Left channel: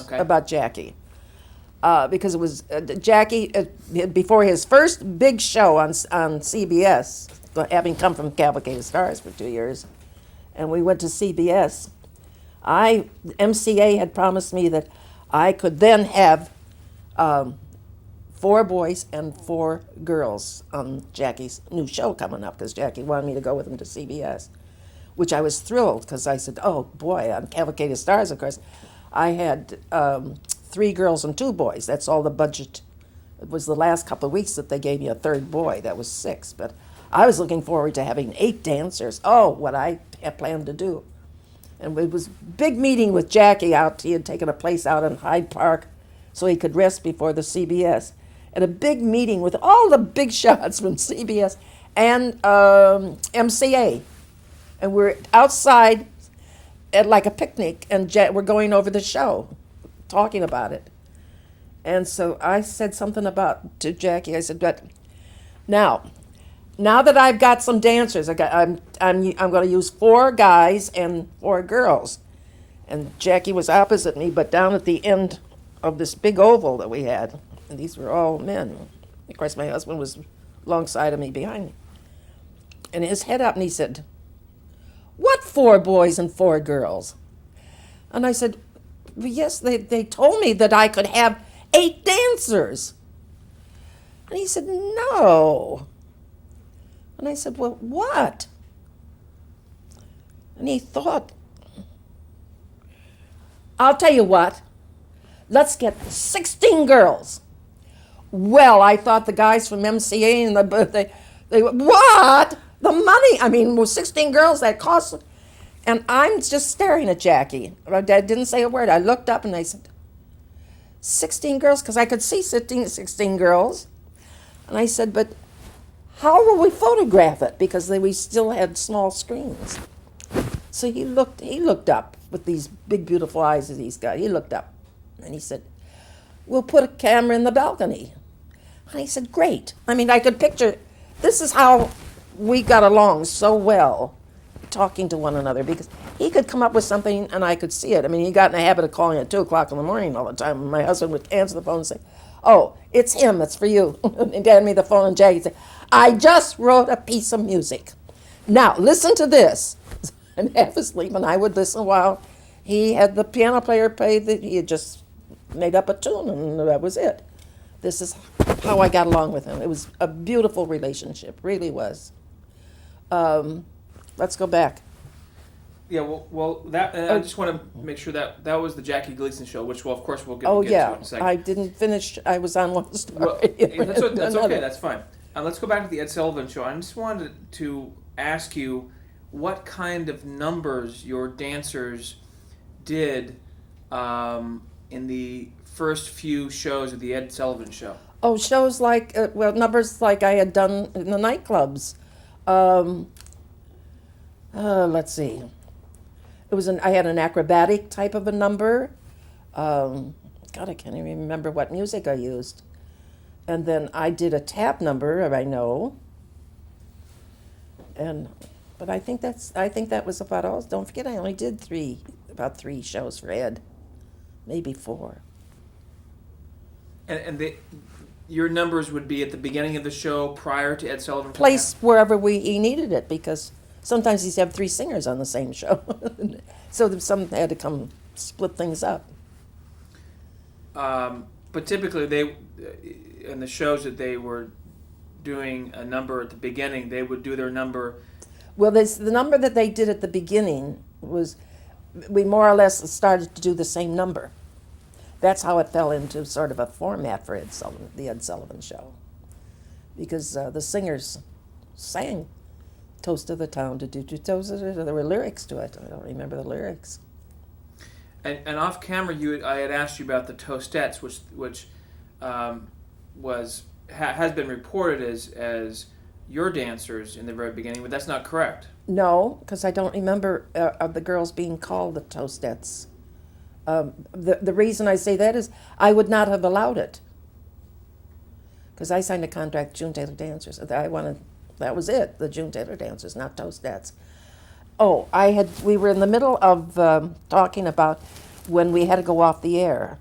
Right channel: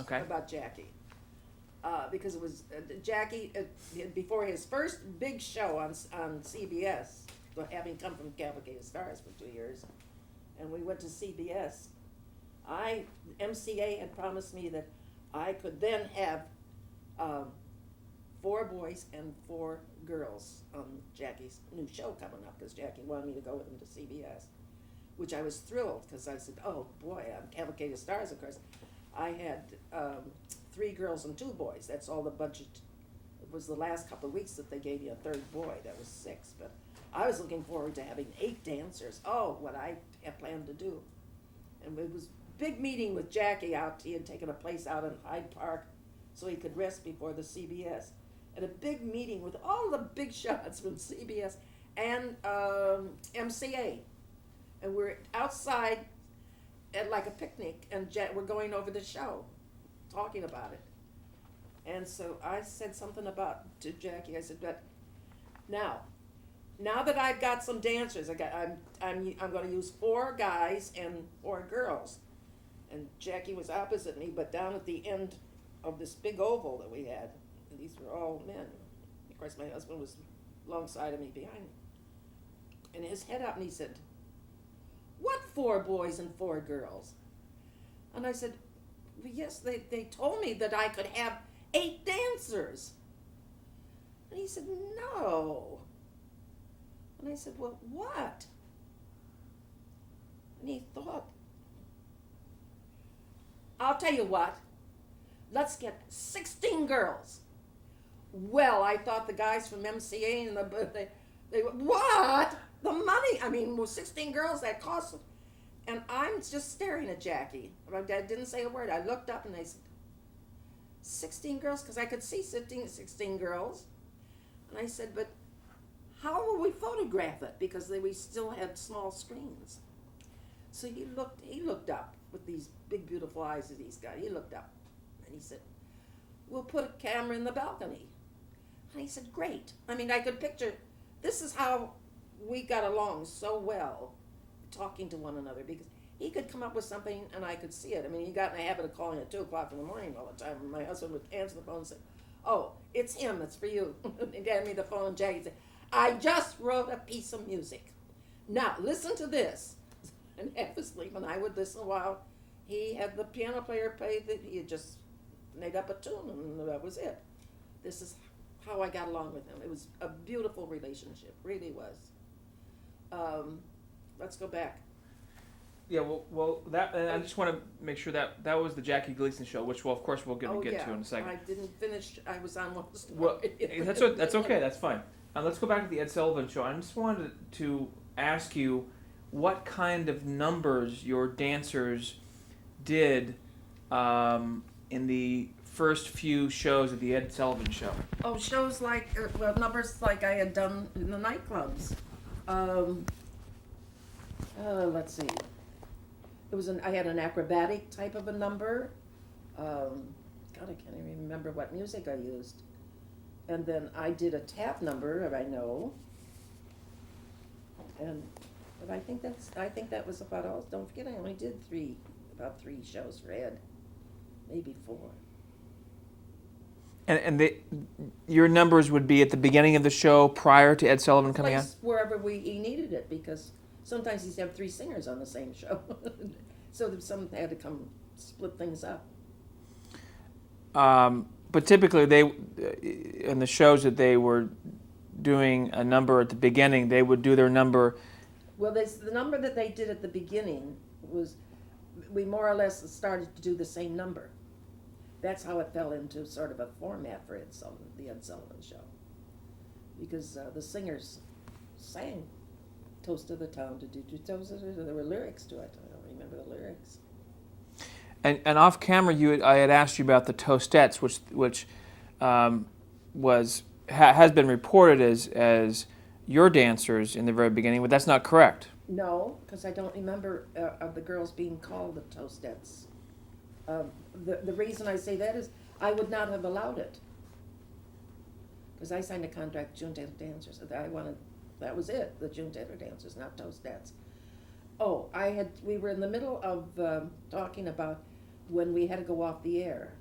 Okay. about Jackie. Because it was Jackie, before his first big show on CBS, having come from Cavalcade Stars for 2 years, and we went to CBS. MCA had promised me that I could then have um, 4 boys and 4 girls on Jackie's new show coming up, because Jackie wanted me to go with him to CBS, which I was thrilled, because I said, oh boy, on Cavalcade of Stars, of course, I had 3 girls and 2 boys. That's all the budget. It was the last couple of weeks that they gave me a 3rd boy. That was 6. But I was looking forward to having 8 dancers. Oh, what I had planned to do. And it was big meeting with Jackie out. He had taken a place out in Hyde Park so he could rest before the CBS. And a big meeting with all the big shots from CBS and MCA. And we're outside at like a picnic, and we're going over the show, talking about it. And so I said something to Jackie. I said, "But now that I've got some dancers, I'm going to use 4 guys and 4 girls." And Jackie was opposite me, but down at the end of this big oval that we had, and these were all men. Of course, my husband was alongside of me behind me, and his head up, and he said, "What 4 boys and 4 girls?" And I said, well, yes, they told me that I could have 8 dancers. And he said, no. And I said, well, what? And he thought, I'll tell you what, let's get 16 girls. Well, I thought the guys from MCA and they what? The money, I mean, with 16 girls, that costs. And I'm just staring at Jackie. I didn't say a word. I looked up and I said, 16 girls? Because I could see 16 girls. And I said, but how will we photograph it? Because we still had small screens. So he looked up with these big, beautiful eyes that he's got. He looked up and he said, we'll put a camera in the balcony. And I said, great. I mean, I could picture, this is how we got along so well, talking to one another, because he could come up with something and I could see it. I mean, he got in the habit of calling at 2 o'clock in the morning all the time. And my husband would answer the phone and say, oh, it's him, it's for you. And he'd hand me the phone, and Jackie would say, I just wrote a piece of music. Now, listen to this. And half asleep, and I would listen while he had the piano player play that he had just made up a tune, and that was it. This is how I got along with him. It was a beautiful relationship, really was. Let's go back. Yeah, well, that I just want to make sure that was the Jackie Gleason show, which, well, of course, we'll get to in a second. I didn't finish. I was on one story. Well, that's okay. That's fine. Let's go back to the Ed Sullivan show. I just wanted to ask you what kind of numbers your dancers did in the first few shows of the Ed Sullivan show. Oh, shows like numbers like I had done in the nightclubs. Let's see. I had an acrobatic type of a number. God, I can't even remember what music I used. And then I did a tap number, I know. But I think that was about all. Don't forget, I only did about three shows for Ed, maybe 4. And your numbers would be at the beginning of the show prior to Ed Sullivan coming Place wherever he needed it, because sometimes he'd have 3 singers on the same show. So some had to come split things up. But typically, in the shows that they were doing a number at the beginning, they would do their number. Well, the number that they did at the beginning was, we more or less started to do the same number. That's how it fell into sort of a format for the Ed Sullivan show. Because the singers sang Toast of the Town, Toast of the Town. There were lyrics to it. I don't remember the lyrics. And off camera, I had asked you about the Toastettes, which has been reported as your dancers in the very beginning, but that's not correct. No, because I don't remember of the girls being called the Toastettes. The reason I say that is I would not have allowed it, because I signed a contract with June Taylor Dancers. That was it, the June Taylor Dancers, not Toastettes. Oh, we were in the middle of talking about when we had to go off the air.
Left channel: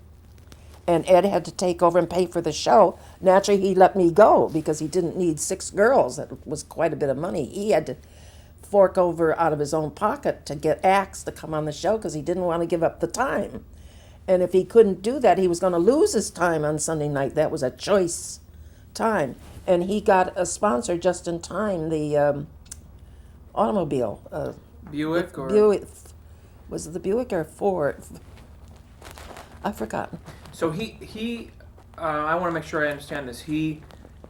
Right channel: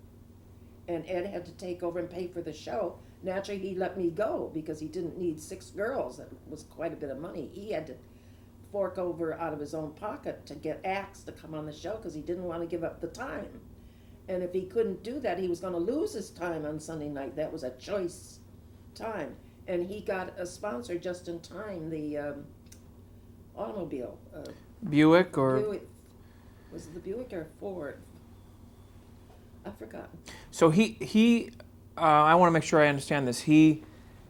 And Ed had to take over and pay for the show. Naturally, he let me go because he didn't need 6 girls. That was quite a bit of money. He had to fork over out of his own pocket to get acts to come on the show because he didn't want to give up the time. And if he couldn't do that, he was going to lose his time on Sunday night. That was a choice time. And he got a sponsor just in time, the automobile. Buick or Buick. Was it the Buick or Ford? I've forgotten. so he I want to make sure I understand this. He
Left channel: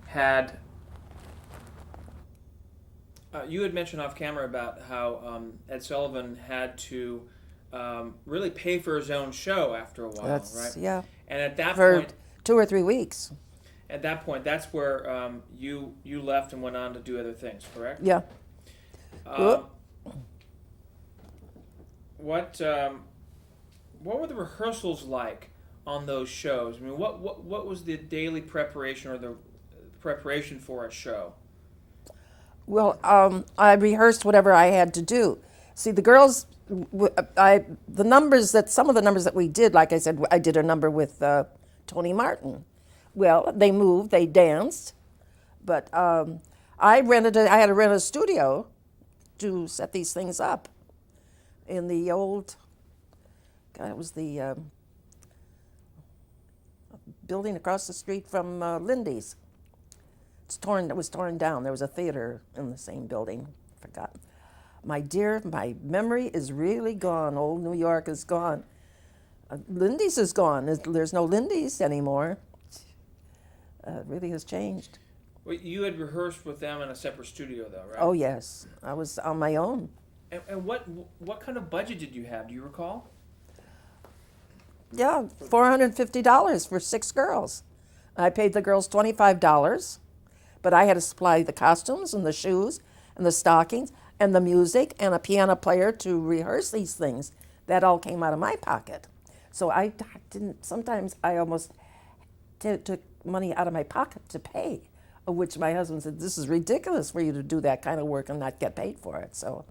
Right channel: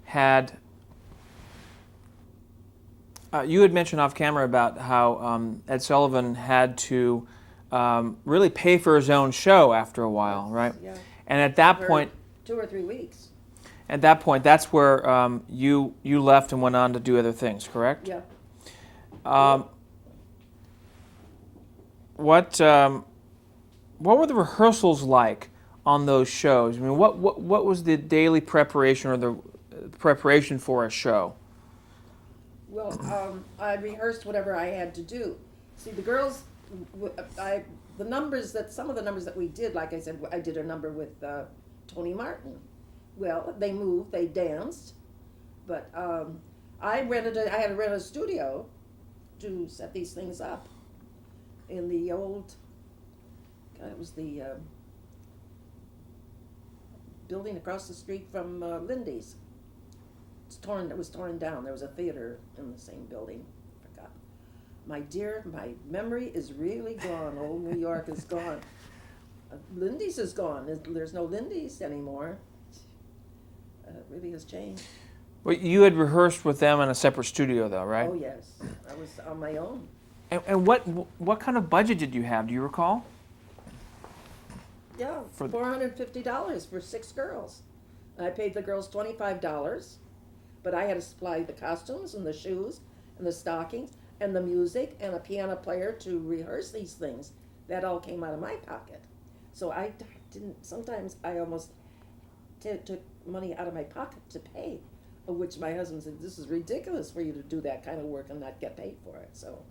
had you had mentioned off camera about how Ed Sullivan had to really pay for his own show after a while, That's- right? Yeah. And at that For point, 2 or 3 weeks. that's where you left and went on to do other things, correct? Yeah. What were the rehearsals like on those shows? I mean, what was the daily preparation or the preparation for a show? Well, I rehearsed whatever I had to do. See, the girls, some of the numbers that we did, like I said, I did a number with Tony Martin. Well, they moved, they danced, but I had to rent a studio to set these things up in the old, God, it was the building across the street from Lindy's. It was torn down. There was a theater in the same building. Forgotten. My dear, my memory is really gone. Old New York is gone. Lindy's is gone. There's no Lindy's anymore. It really has changed. Well, you had rehearsed with them in a separate studio, though, right? Oh yes, I was on my own. And what kind of budget did you have? Do you recall? Yeah, $450 for 6 girls. I paid the girls $25, but I had to supply the costumes and the shoes and the stockings and the music and a piano player to rehearse these things. That all came out of my pocket. So I didn't, sometimes I almost took money out of my pocket to pay, of which my husband said, this is ridiculous for you to do that kind of work and not get paid for it. So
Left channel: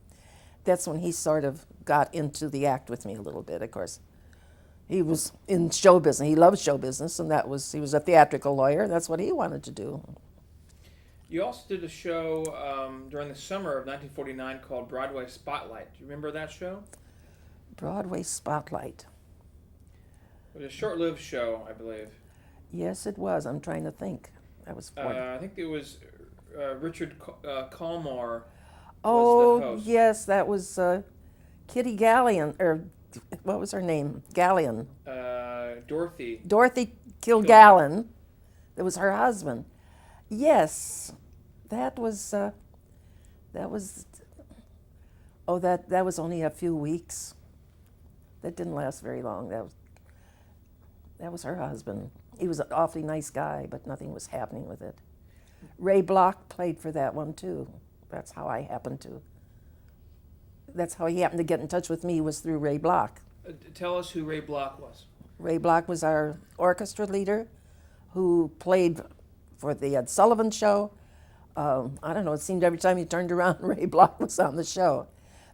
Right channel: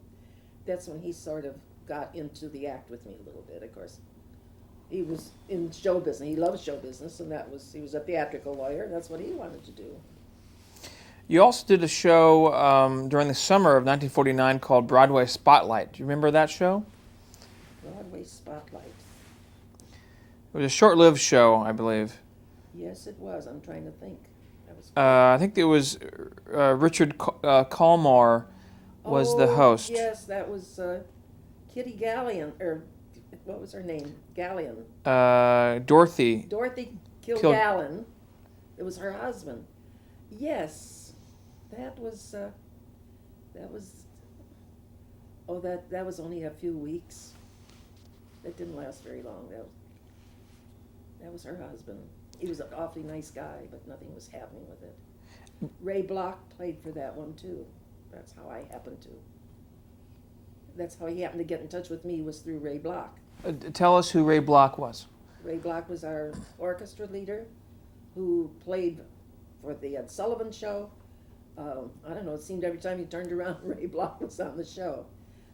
that's when he sort of got into the act with me a little bit, of course. He was in show business. He loved show business, and he was a theatrical lawyer, and that's what he wanted to do. You also did a show during the summer of 1949 called Broadway Spotlight. Do you remember that show? Broadway Spotlight. It was a short-lived show, I believe. Yes, it was. I'm trying to think. That was. I think it was Richard Colmore was the host. Yes, that was Kitty Gallion, or what was her name? Gallion. Dorothy. Dorothy Kilgallen. It was her husband. Yes, that was. That was only a few weeks. That didn't last very long. That was her husband. He was an awfully nice guy, but nothing was happening with it. Ray Block played for that one too. That's how he happened to get in touch with me, was through Ray Block. Tell us who Ray Block was. Ray Block was our orchestra leader who played for the Ed Sullivan Show. I don't know, it seemed every time you turned around, Ray Block was on the show.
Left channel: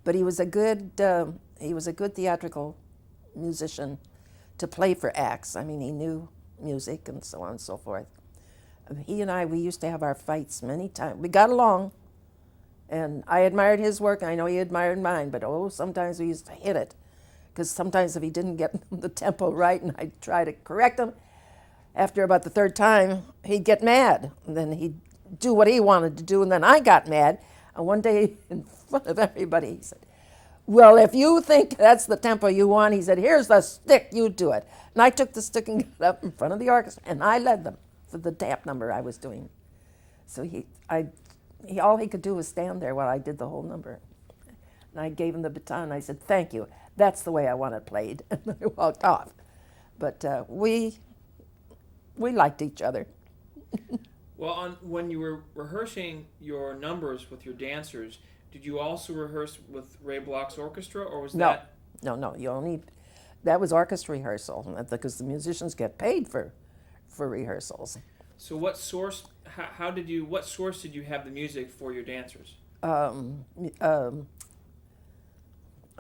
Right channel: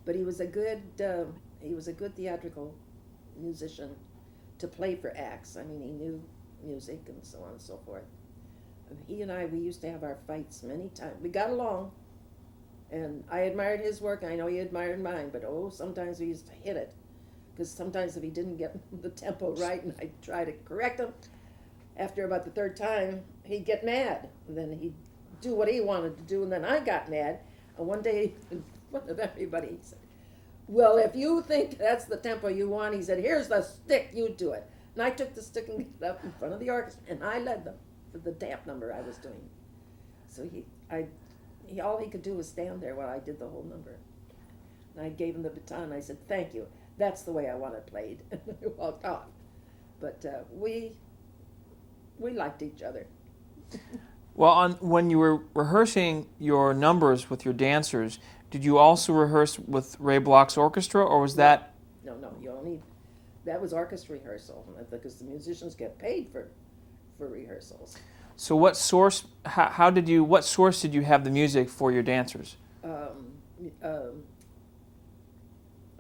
But he was a good theatrical musician to play for acts. I mean, he knew music and so on and so forth. He and we used to have our fights many times. We got along, and I admired his work, and I know he admired mine, but sometimes we used to hit it. Because sometimes if he didn't get the tempo right and I'd try to correct him, after about the 3rd time, he'd get mad. And then he'd do what he wanted to do, and then I got mad. And one day, in front of everybody, he said, well, if you think that's the tempo you want, he said, here's the stick, you do it. And I took the stick and got up in front of the orchestra, and I led them for the tap number I was doing. So all he could do was stand there while I did the whole number. And I gave him the baton, and I said, thank you. That's the way I want it played. And then I walked off. But we liked each other. Well, when you were rehearsing your numbers with your dancers, did you also rehearse with Ray Block's orchestra, or was that? No. That was orchestra rehearsal, because the musicians get paid for rehearsals. So what source? What source did you have the music for your dancers? I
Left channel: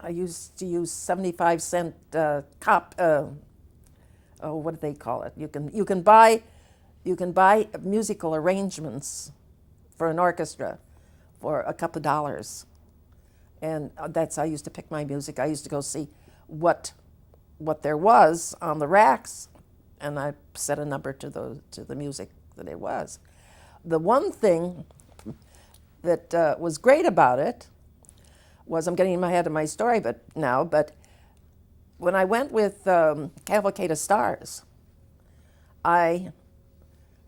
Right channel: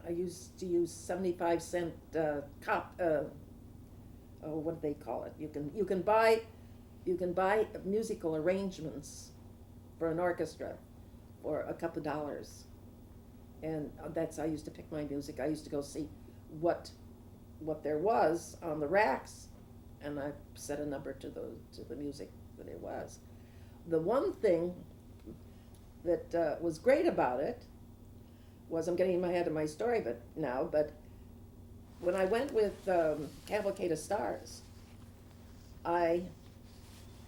I used to use 75-cent what do they call it? You can buy musical arrangements for an orchestra for a couple of dollars, and that's how I used to pick my music. I used to go see what there was on the racks, and I set a number to the music that it was. The one thing that was great about it was, I'm getting in my head of my story, but when I went with Cavalcade of Stars,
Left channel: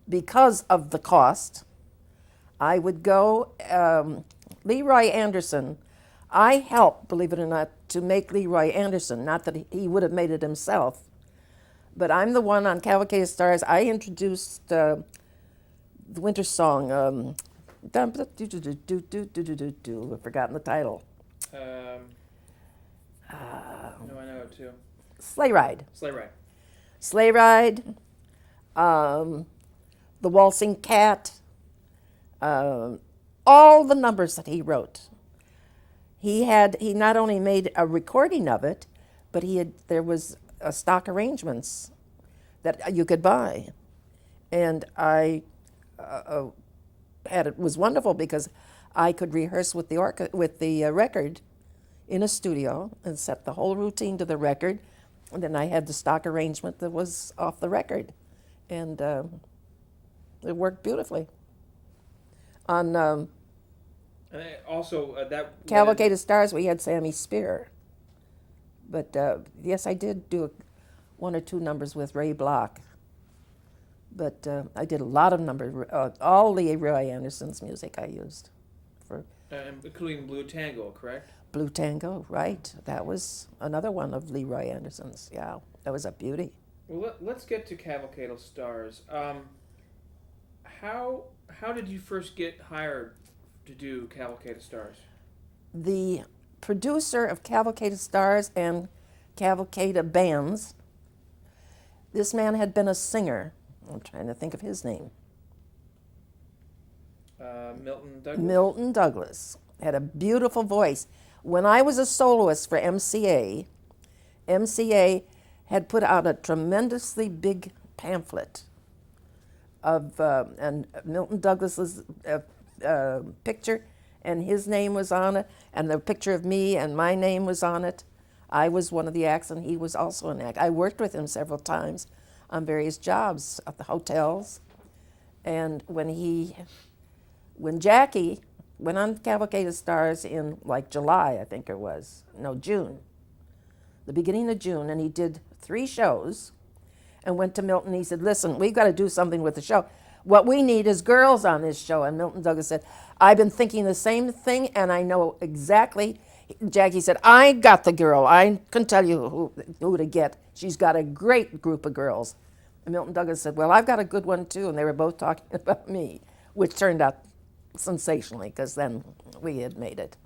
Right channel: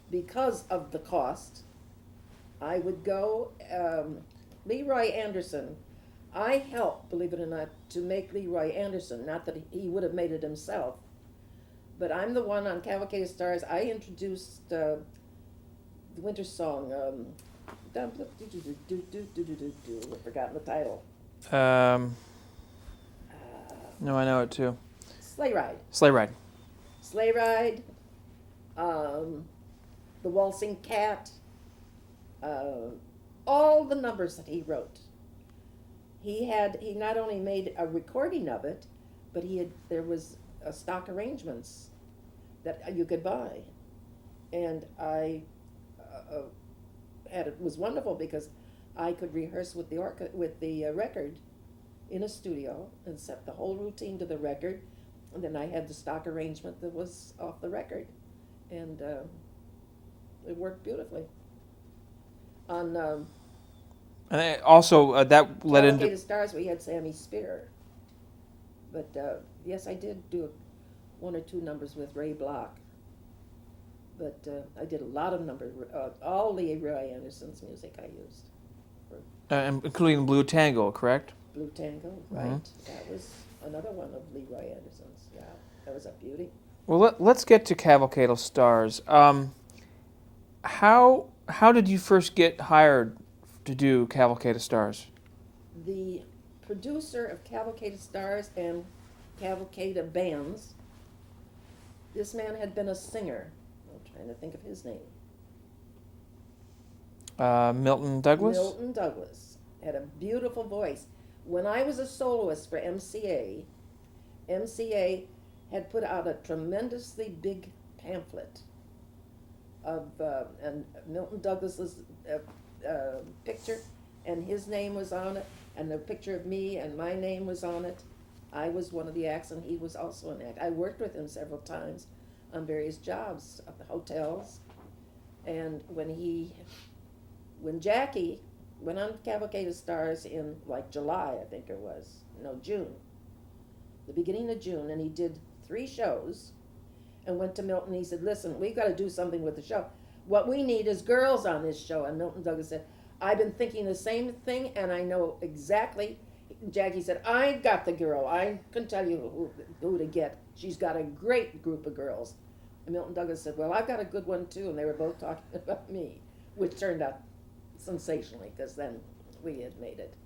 because of the cost, I would go. Leroy Anderson, I helped, believe it or not, to make Leroy Anderson. Not that he would have made it himself, but I'm the one on Cavalcade of Stars. I introduced the winter song. I've forgotten the title. No, I know it too. Sleigh Ride. Sleigh Ride. Sleigh Ride. The Waltzing Cat. All the numbers that he wrote. He not only made a recording of it, but there was stock arrangements that you could buy, and it was wonderful because I could rehearse with the record in a studio and set the whole routine to the record, and then I had the stock arrangement that was off the record, and it worked beautifully. On And also that led Cavalcade into, of Stars, we had Sammy Spear, but yes, I did do one or two numbers with Ray Block. But I did a lot of numbers. All Leroy Anderson's music I used for including Blue Tango, correct? Blue Tango, right? Mm-hmm. That was another one of Leroy Anderson's. Yeah, that was a beauty. Well, let's get to Cavalcade of Stars. How did you first get hired to do Cavalcade of Stars? The producer of Cavalcade of Stars and Cavalcade of Bands, this man had been a singer. I'm trying to think of his name. Milton Douglas? Milton Douglas had a beautiful voice. When I was a soloist for MCA had put out a tremendously big pamphlet of and Milton Douglas's picture, and his name was on it, and the picture of me and my name was on it. I was one of the acts, and he was also an act. I worked with him several times on various jobs at the hotels, and when Jackie went on Cavalcade of Stars in like July, I think it was, no, June, the beginning of June, and he did 3 shows and went to Milton. He said, listen, we've got to do something with the show. What we need is girls on this show. And Milton Douglas said, I've been thinking the same thing, and I know exactly. Jackie said, I got the girl. I can tell you who to get. She's got a great group of girls. And Milton Douglas said, well, I've got a good one too. And they were both talking about me, which turned out sensationally, because then we had made it.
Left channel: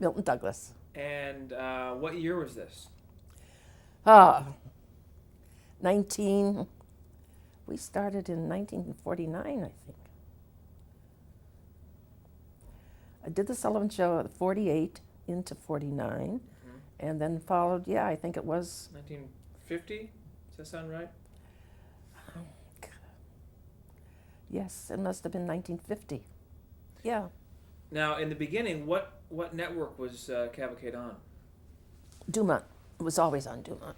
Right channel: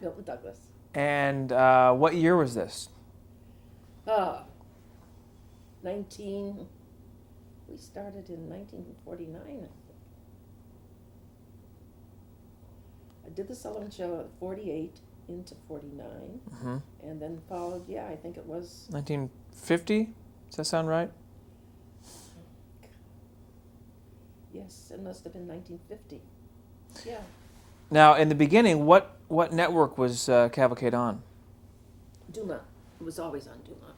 Milton Douglas. And what year was this? We started in 1949, I think. I did the Sullivan Show at 48 into 49, and then followed, I think it was 1950? Does that sound right? Yes, it must have been 1950. Yeah. Now, in the beginning, what network was Cavalcade on? Dumont. It was always on Dumont.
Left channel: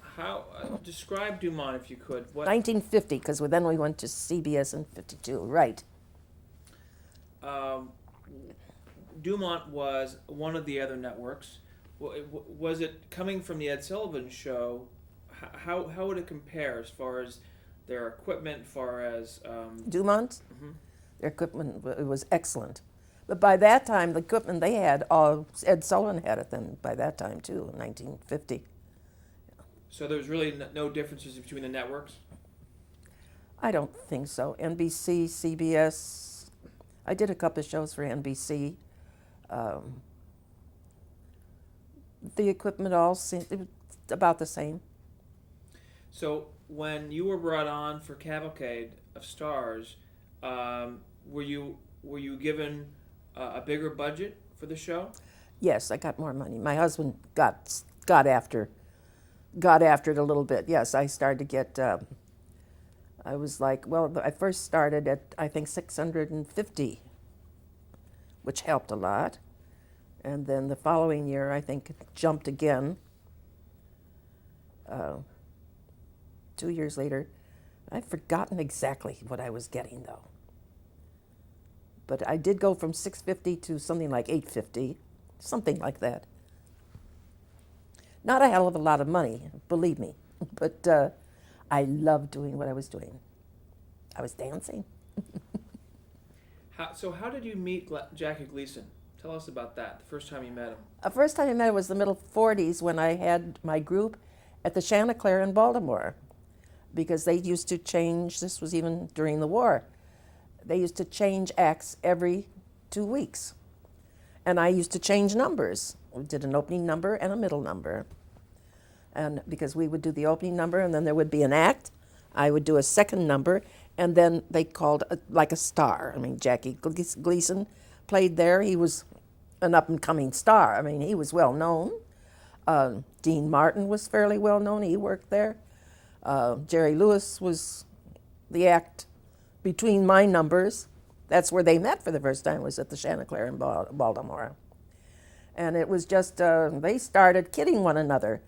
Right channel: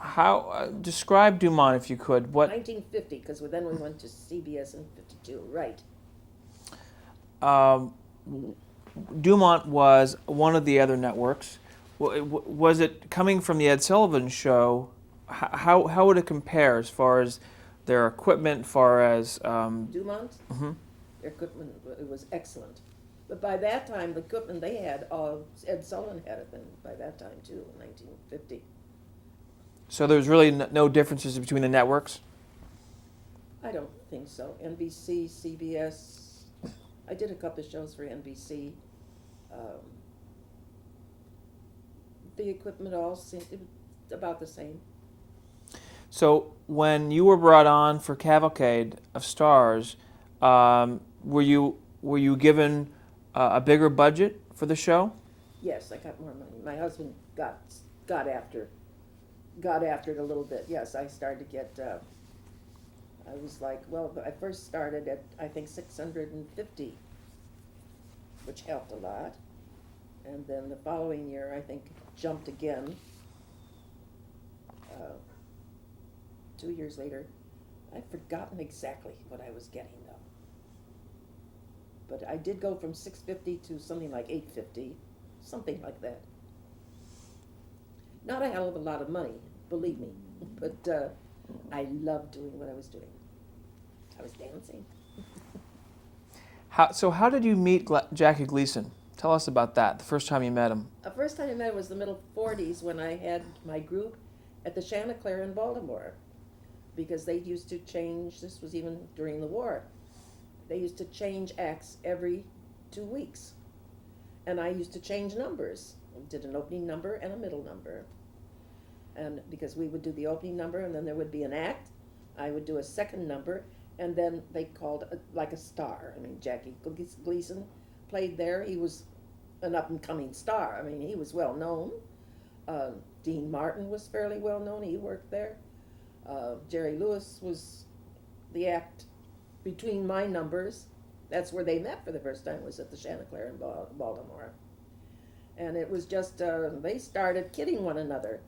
How describe Dumont, if you could? What 1950, because then we went to CBS in 52. Right. Dumont was one of the other networks. Was it coming from the Ed Sullivan Show? How would it compare as far as their equipment, far as Dumont? Mm-hmm. Their equipment was excellent. But by that time, the equipment they had, Ed Sullivan had it then by that time too, in 1950. So there was really no differences between the networks? I don't think so. NBC, CBS. I did a couple of shows for NBC. The equipment all seemed about the same. So when you were brought on for Cavalcade of Stars, were you given a bigger budget for the show? Yes, I got more money. My husband got after got after it a little bit. Yes, I started to get. I was like, well, I first started at I think 650, which helped a lot, and then the following year I think it jumped again. 2 years later, I've forgotten exactly what I was getting though. But I did go from 650 to something like 850, something like that. Not a hell of a lot of money, believe me, but I loved doing what I was doing. I was dancing. So how did you meet Jackie Gleason? Tell us about that, the first time you met him. The first time I met him was the middle 40s when I had my group at the Chanticleer in Baltimore, because they used to change, this was even during the war, they used to change acts every 2 weeks. And I used to change numbers. We did an opening number and a middle number. And because we would do the opening number and then there would be an act, I would do a second number, and then they called like a star. I mean, Jackie Gleason played there. He was an up-and-coming star. I mean, he was well known. Dean Martin was fairly well known. He worked there. Jerry Lewis was the act between my numbers. That's where they met for the first time, was at the Chanticleer in Baltimore. And it was just, they started kidding one another.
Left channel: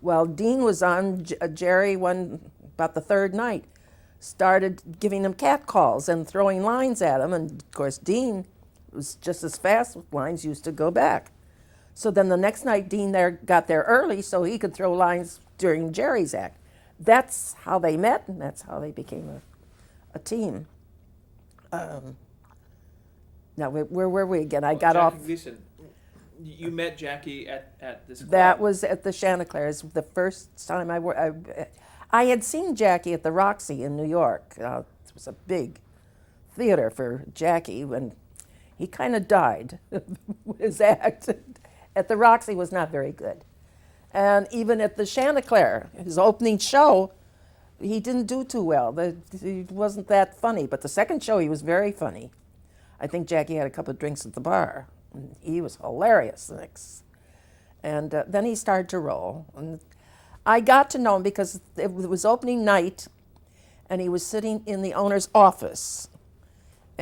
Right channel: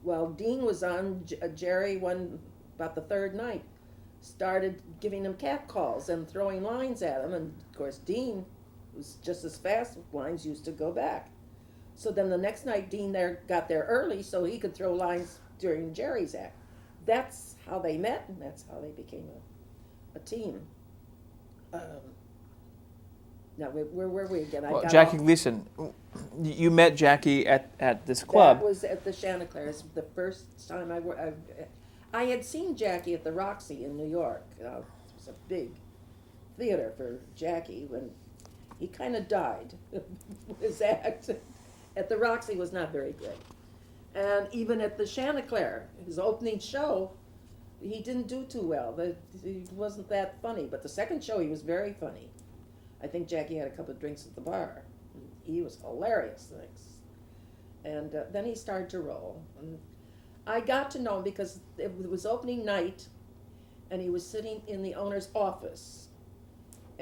Well, Dean was on, Jerry, about the third night, started giving him catcalls and throwing lines at him. And of course, Dean was just as fast. Lines used to go back. So then the next night, Dean got there early so he could throw lines during Jerry's act. That's how they met, and that's how they became a team. Now, where were we again? I got Jackie off. Gleason. You met Jackie at this club. That was at the Chanticleer. It's the first time I had seen Jackie at the Roxy in New York. It was a big theater for Jackie when he kind of died. His act at the Roxy was not very good. And even at the Chanticleer, his opening show, he didn't do too well. He wasn't that funny. But the second show, he was very funny. I think Jackie had a couple of drinks at the bar. He was hilarious. And then he started to roll. And I got to know him because it was opening night, and he was sitting in the owner's office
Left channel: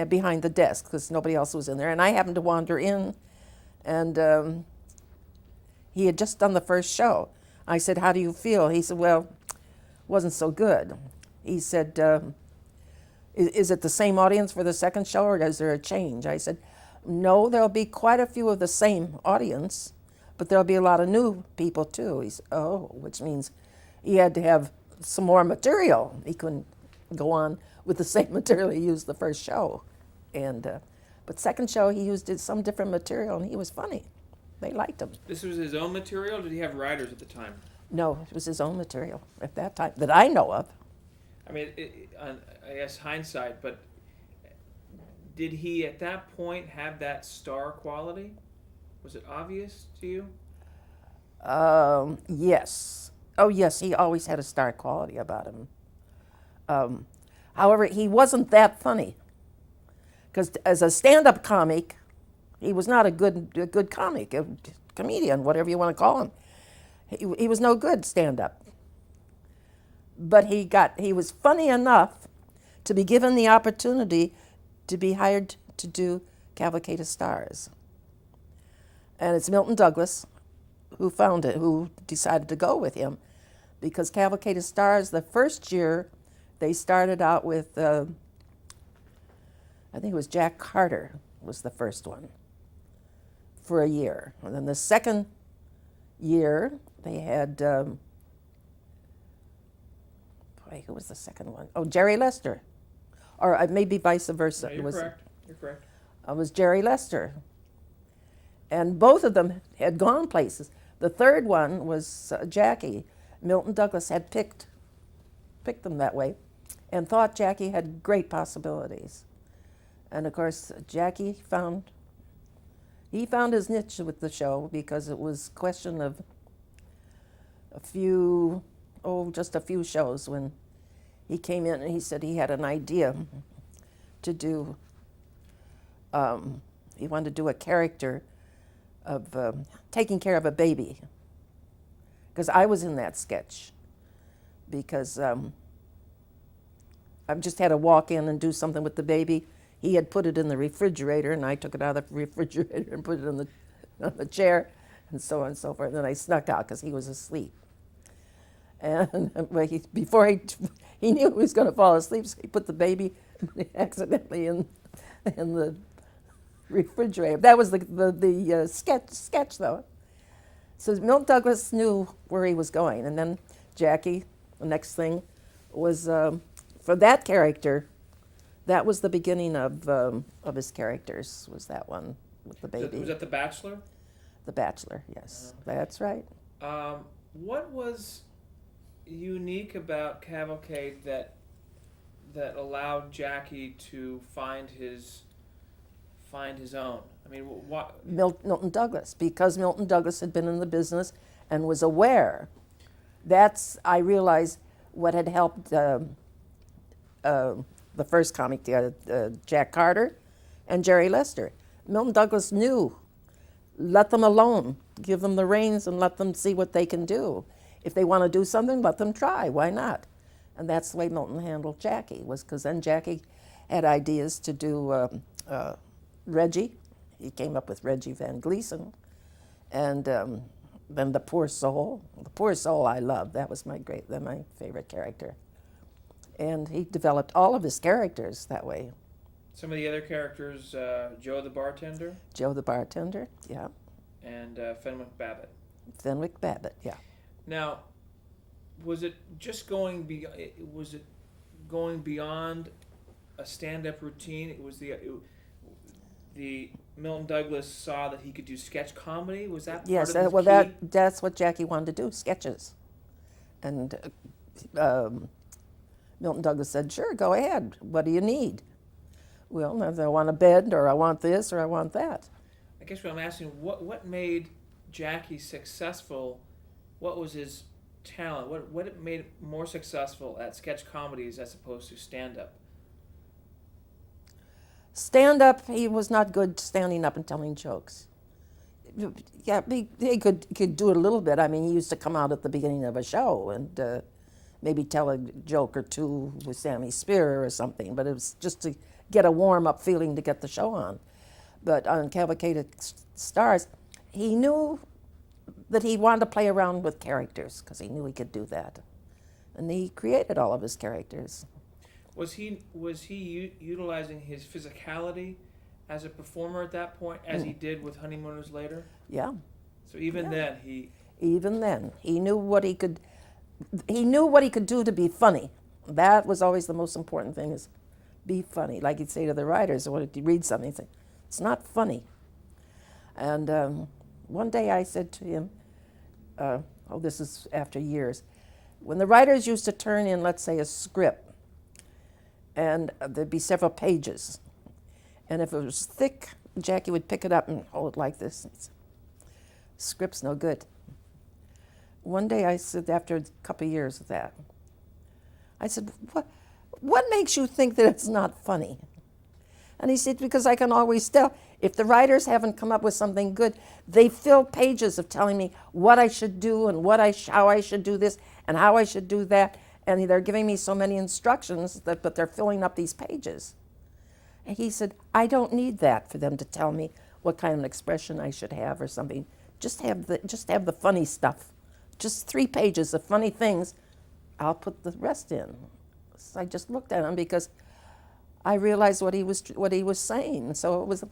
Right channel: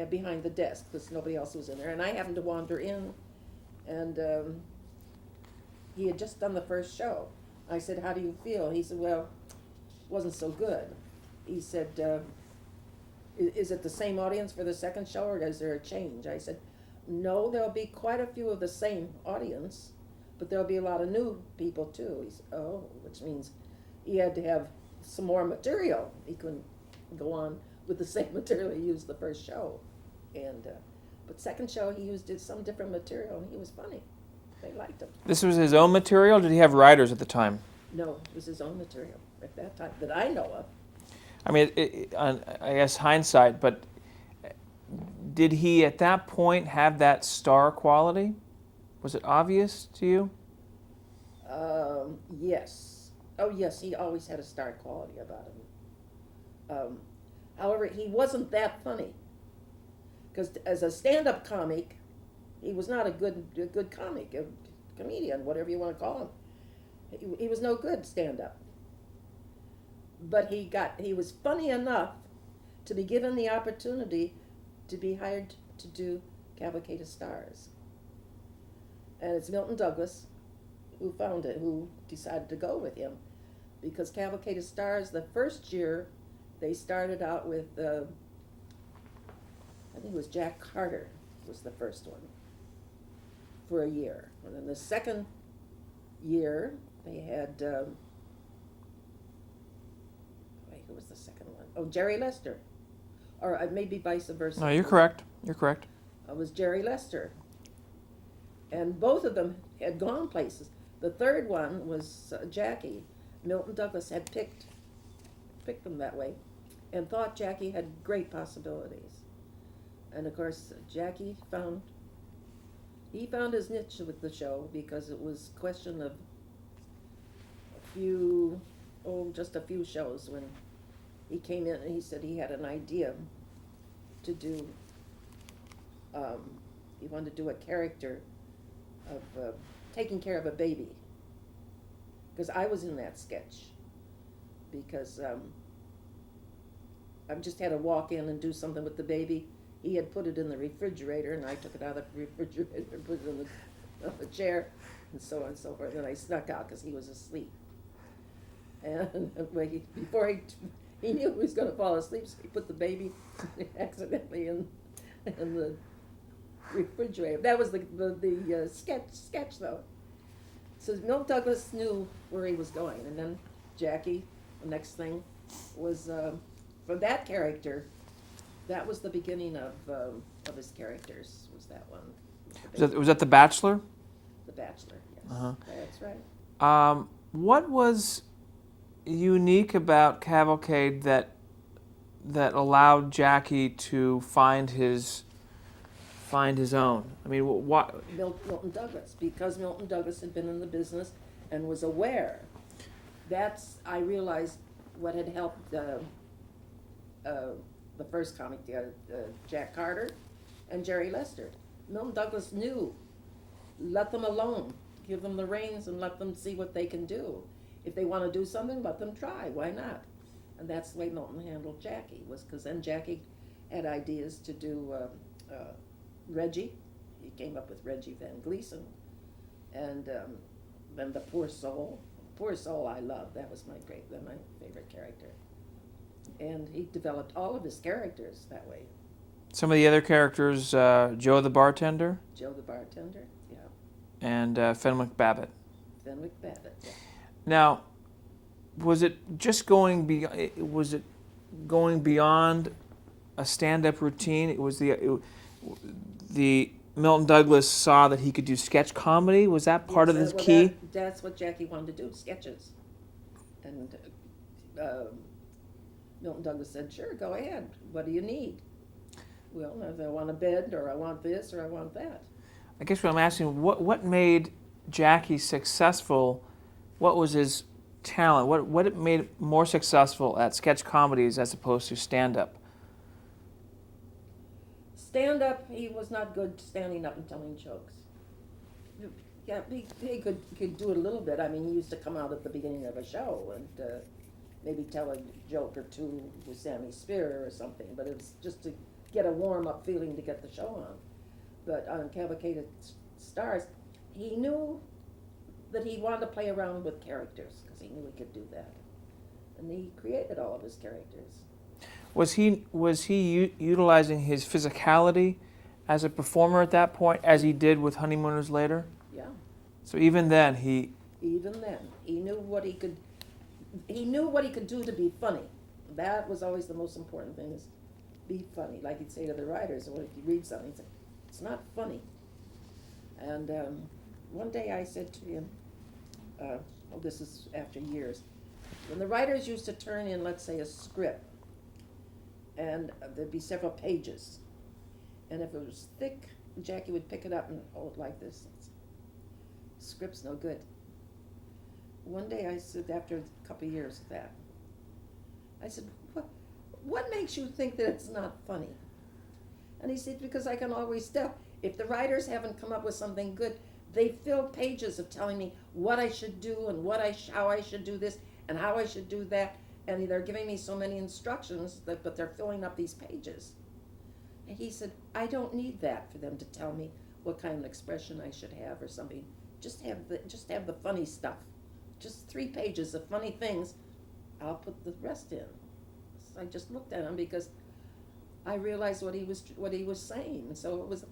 behind the desk because nobody else was in there. And I happened to wander in, and he had just done the first show. I said, "How do you feel?" He said, "Well, it wasn't so good." He said, is it the same audience for the second show, or is there a change? I said, "No, there'll be quite a few of the same audience, but there'll be a lot of new people too." He said, "Oh," which means he had to have some more material. He couldn't go on with the same material he used the first show. And but second show, he used some different material, and he was funny. They liked him. This was his own material? Did he have writers at the time? No, it was his own material at that time that I know of. I mean, I guess hindsight, but did he at that point have that star quality? Was it obvious to you? Yes. Oh, yes, he always had a star quality about him. However, he wasn't that funny. Because as a stand-up comic, he was not a good comic, a comedian, whatever you want to call him. He was no good stand-up. But he was funny enough to be given the opportunity to be hired to do Cavalcade of Stars. And it's Milton Douglas who found it, who decided to go with him. Because Cavalcade of Stars, the first year, they started out with, I think it was Jack Carter was the first one for a year. And then the second year, they had, who was the second one? Oh, Jerry Lester. Or maybe vice versa. No, you're correct. You're correct. It was Jerry Lester. And both of them had gone places. The third one was Jackie. Milton Douglas had picked them that way and thought Jackie had great possibilities. And of course, Jackie found his niche with the show because it was a question of just a few shows when he came in and he said he had an idea to do, he wanted to do a character taking care of a baby, because I was in that sketch. Because I've just had to walk in and do something with the baby. He had put it in the refrigerator, and I took it out of the refrigerator and put it on the chair, and so on and so forth. And then I snuck out because he was asleep. And before he knew he was going to fall asleep, so he put the baby accidentally in the refrigerator. That was the sketch though. So Milton Douglas knew where he was going, and then Jackie. The next thing was for that character. That was the beginning of his characters. Was that one? With the baby. Was that The Bachelor? The Bachelor. Yes, that's right. What was unique about Cavalcade that allowed Jackie to find his own? I mean, what? Milton Douglas, because Milton Douglas had been in the business and was aware. That's, I realized, what had helped the first comic, Jack Carter and Jerry Lester. Milton Douglas knew, let them alone, give them the reins and let them see what they can do. If they want to do something, let them try, why not? And that's the way Milton handled Jackie, was because then Jackie had ideas to do Reggie. He came up with Reggie Van Gleason. And then The Poor Soul. The Poor Soul I loved. That was my favorite character. And he developed all of his characters that way. Some of the other characters, Joe the Bartender. Joe the Bartender, yeah. And Fenwick Babbitt. Fenwick Babbitt, yeah. Now, was it going beyond a stand-up routine? It was the Milton Douglas saw that he could do sketch comedy. Was that part of his key? That's what Jackie wanted to do, sketches. And Milton Douglas said, sure, go ahead. What do you need? Well, I want a bed, or I want this, or I want that. I guess what I'm asking, what made Jackie successful? What was his talent? What made it more successful at sketch comedies as opposed to stand-up? Stand-up, he was not good standing up and telling jokes. Yeah, he could do it a little bit. I mean, he used to come out at the beginning of a show and maybe tell a joke or two with Sammy Spear or something, but it was just to get a warm-up feeling to get the show on. But on Cavalcade Stars, he knew that he wanted to play around with characters because he knew he could do that. And he created all of his characters. Was he utilizing his physicality as a performer at that point, as he did with Honeymooners later? Yeah. So even then, he knew what he could. He knew what he could do to be funny. That was always the most important thing: is be funny. Like he'd say to the writers, or if you read something, he'd say, "It's not funny." And one day I said to him, this is after years, when the writers used to turn in, let's say, a script, and there'd be several pages, and if it was thick, Jackie would pick it up and hold it like this. Script's no good. One day I said, after a couple of years of that, I said, what makes you think that it's not funny? And he said, because I can always tell. If the writers haven't come up with something good, they fill pages of telling me what I should do and how I should do this and how I should do that. And they're giving me so many instructions, but they're filling up these pages. And he said, I don't need that for them to tell me what kind of expression I should have or something. Just have the funny stuff. Just 3 pages of funny things. I'll put the rest in. So I just looked at him because I realized what he was saying. So it was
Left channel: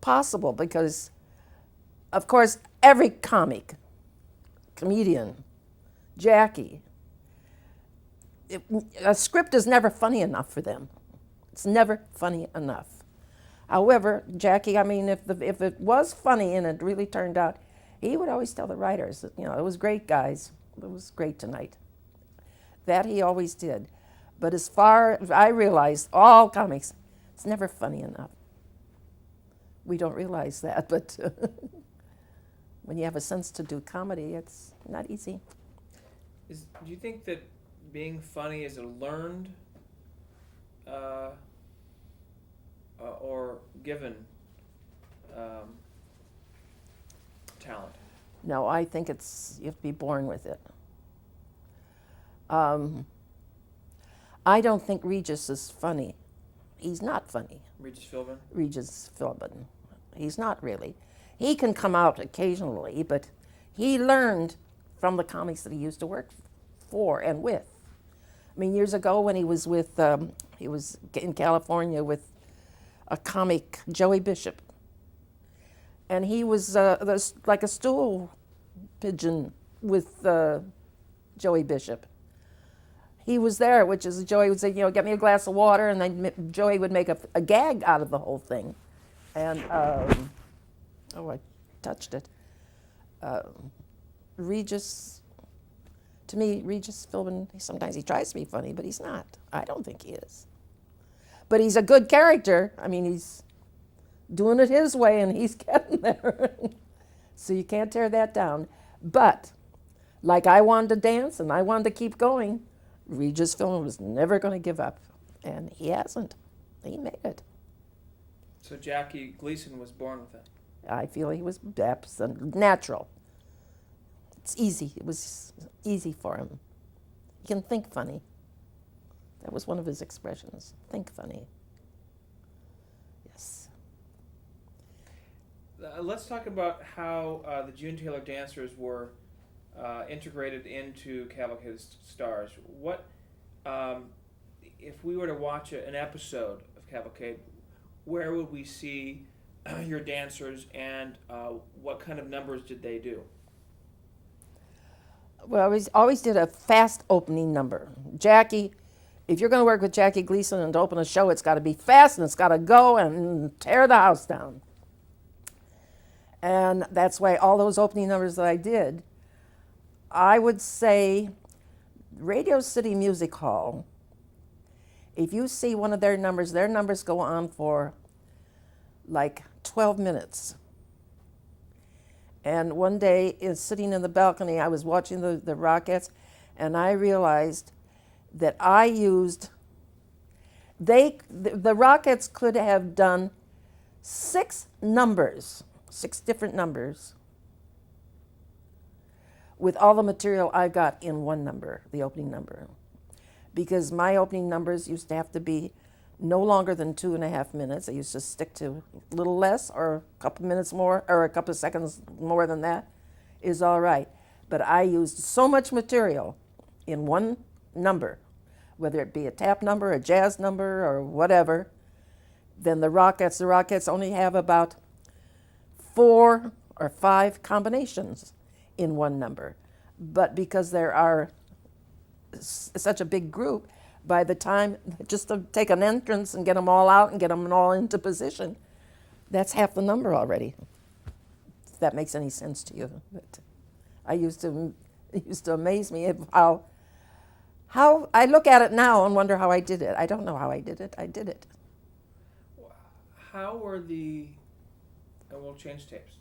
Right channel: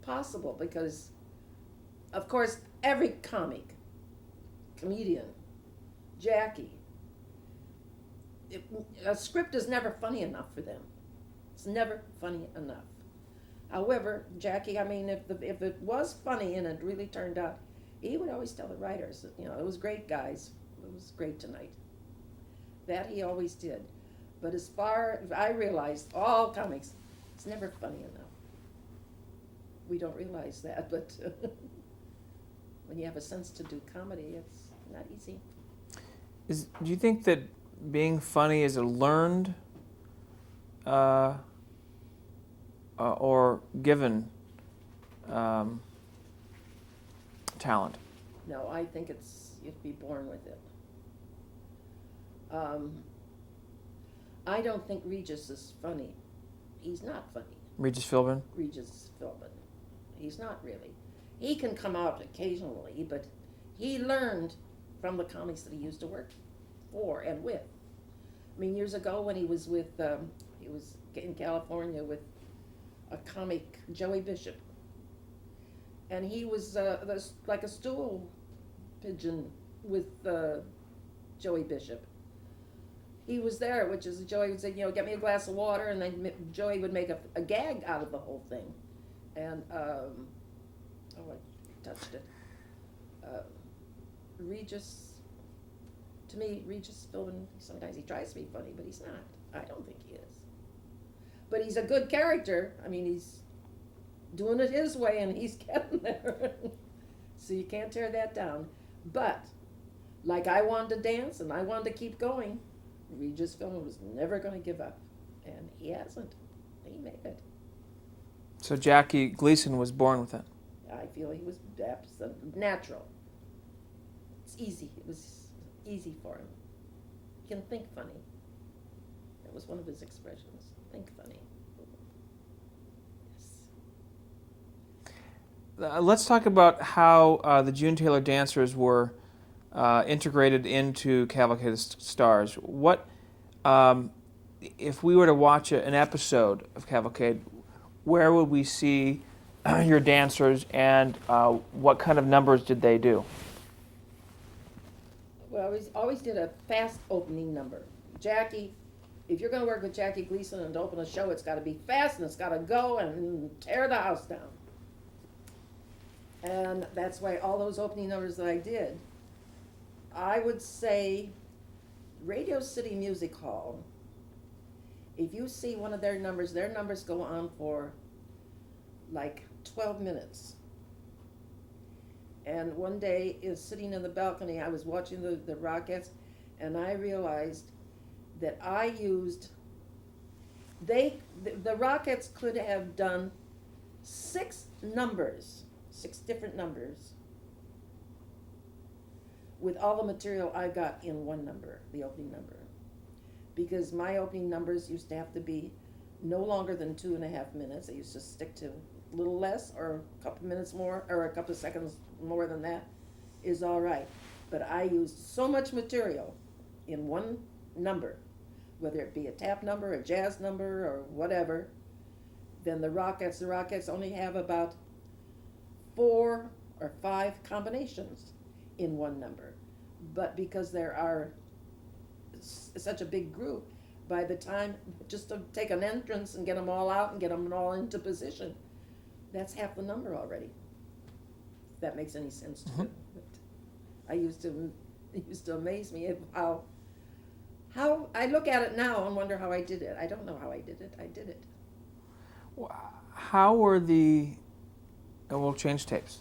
possible because, of course, every comedian, Jackie, a script is never funny enough for them. It's never funny enough. However, Jackie, I mean, if it was funny and it really turned out, he would always tell the writers that, it was great, guys. It was great tonight. That he always did. But as far as I realized, all comics, it's never funny enough. We don't realize that, but when you have a sense to do comedy, it's not easy. Do you think that being funny is a learned or given talent? No, I think you have to be born with it. I don't think Regis is funny. He's not funny. Regis Philbin? Regis Philbin. He's not really. He can come out occasionally, but he learned from the comics that he used to work for and with. I mean, years ago when he was he was in California with a comic, Joey Bishop, and he was like a stool pigeon with Joey Bishop. He was there, which is Joey would say, get me a glass of water, and then Joey would make a gag out of the whole thing. And, I touched it. Regis, to me, Regis Philbin, sometimes he tries to be funny, but he's not. I don't think he is. But he's a good character. I mean, he's doing it his way, and he's getting there. So you can't tear that down. But, like I wanted to dance, and I wanted to keep going, Regis Philbin was never going to give up, and he hasn't. He made it. So Jackie Gleason was born with it. I feel he was natural. It's easy. It was easy for him. He can think funny. That was one of his expressions. Think funny. Yes. Let's talk about how the June Taylor dancers were integrated into Cavalcade of Stars. What, if we were to watch an episode of Cavalcade, where would we see your dancers, and what kind of numbers did they do? Well, we always did a fast opening number. Jackie, if you're going to work with Jackie Gleason and to open a show, it's got to be fast and it's got to go and tear the house down. And that's why all those opening numbers that I did, I would say Radio City Music Hall, if you see one of their numbers go on for like 12 minutes. And one day, sitting in the balcony, I was watching the Rockettes, and I realized that I used, the Rockettes could have done 6 different numbers, with all the material I got in one number, the opening number. Because my opening numbers used to have to be no longer than 2.5 minutes. I used to stick to a little less, or a couple minutes more, or a couple of seconds more than that is all right. But I used so much material in one number, whether it be a tap number, a jazz number, or whatever. Then the Rockettes only have about 4 or 5 combinations in one number. But because there are such a big group, by the time, just to take an entrance and get them all out and get them all into position, that's half the number already. If that makes any sense to you. But it used to amaze me how I look at it now and wonder how I did it. I don't know how I did it. I did it. How were and we'll change tapes.